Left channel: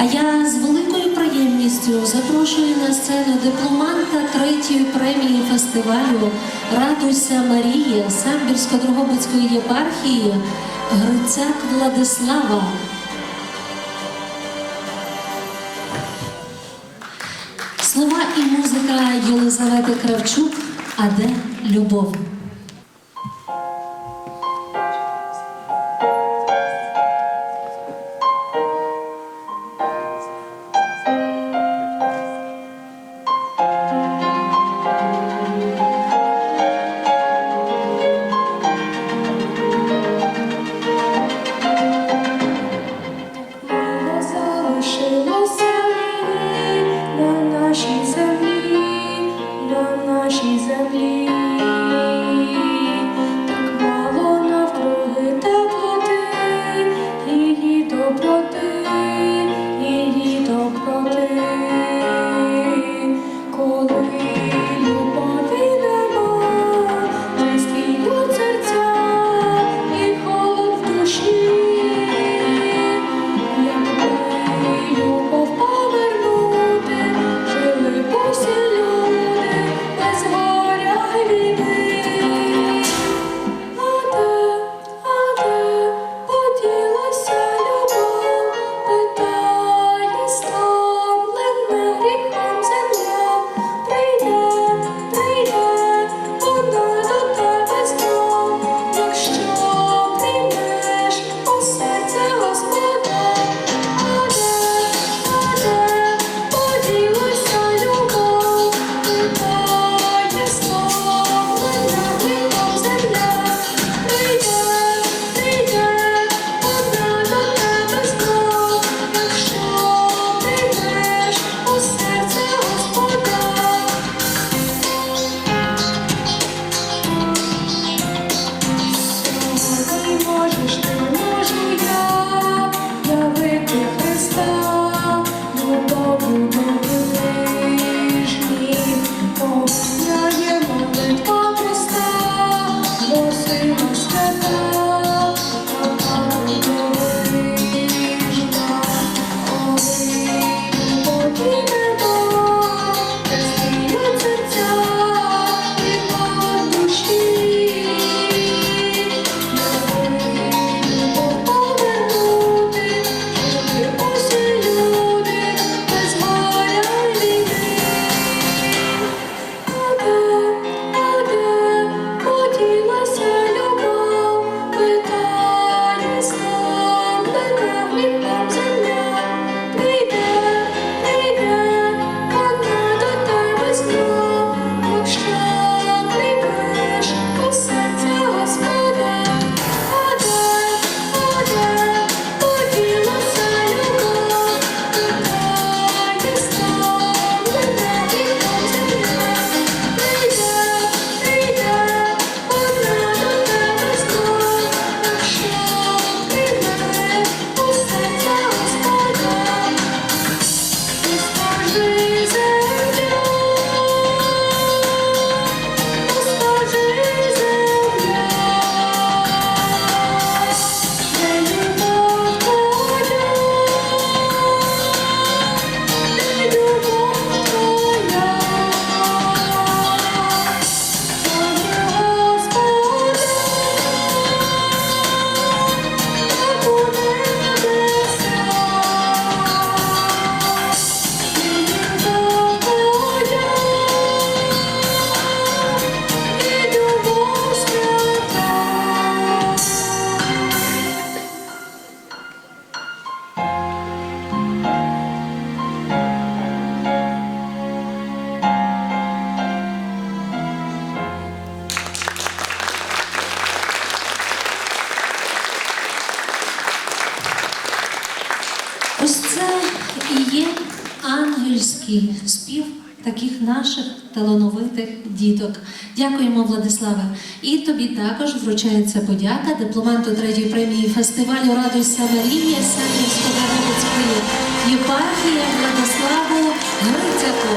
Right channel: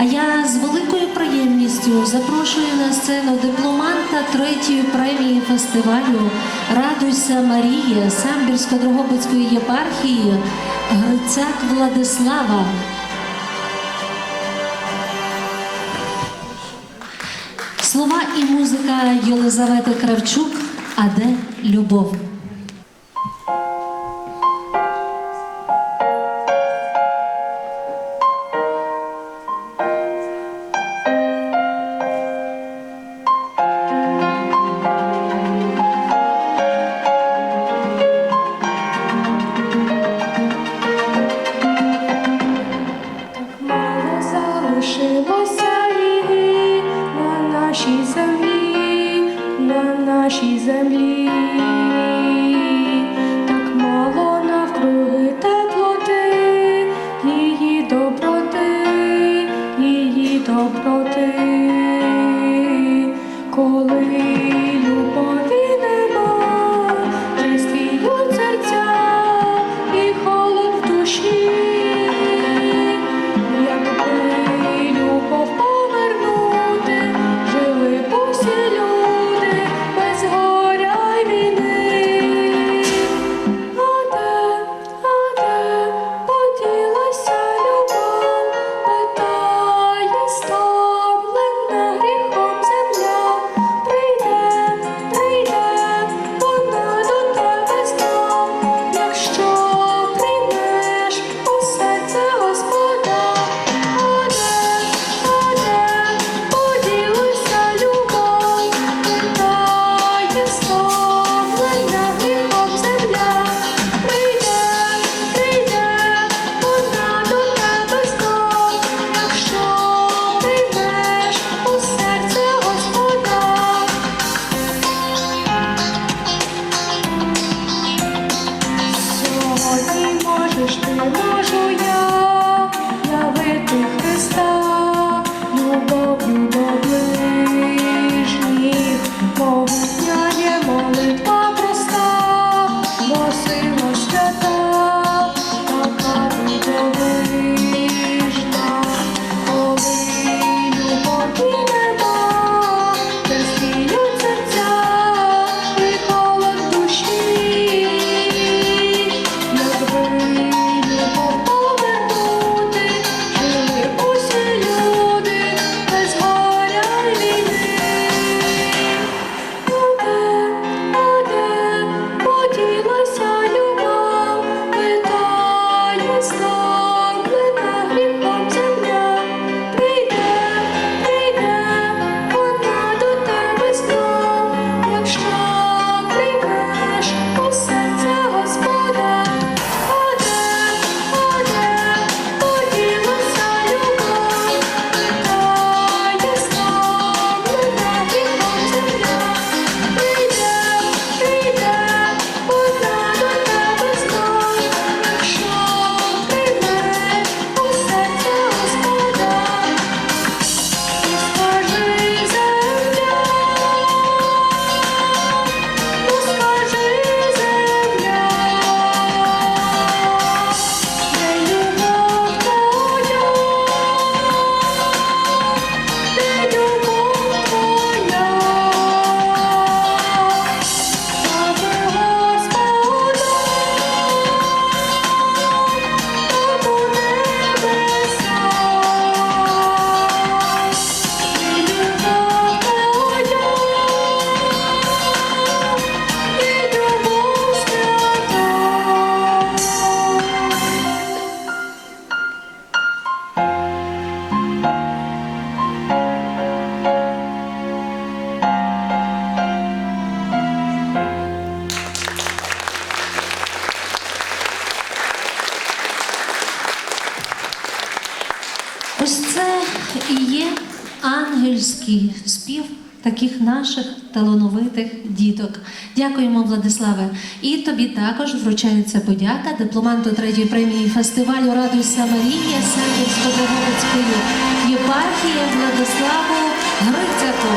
А я з великою приємністю запрошую на сцену дипломанта третьої премії фестивалю Радуйся Марія Самбірсько-Дрогобицької єпархії Грицак Владислава. Слова і музика Єлизавети Кравчук, а де любов. нашій землі, на нашій землі. ж ти можу я. is Ось це і є ангельський спів таких наших талановитих діток. Дякуємо, Владиславе. І тобі також вручається подяка дипломанту третьої премії фестивалю Радуйся Марія Сендівсько-Драгобицької єпархії Владиславу Грицяку.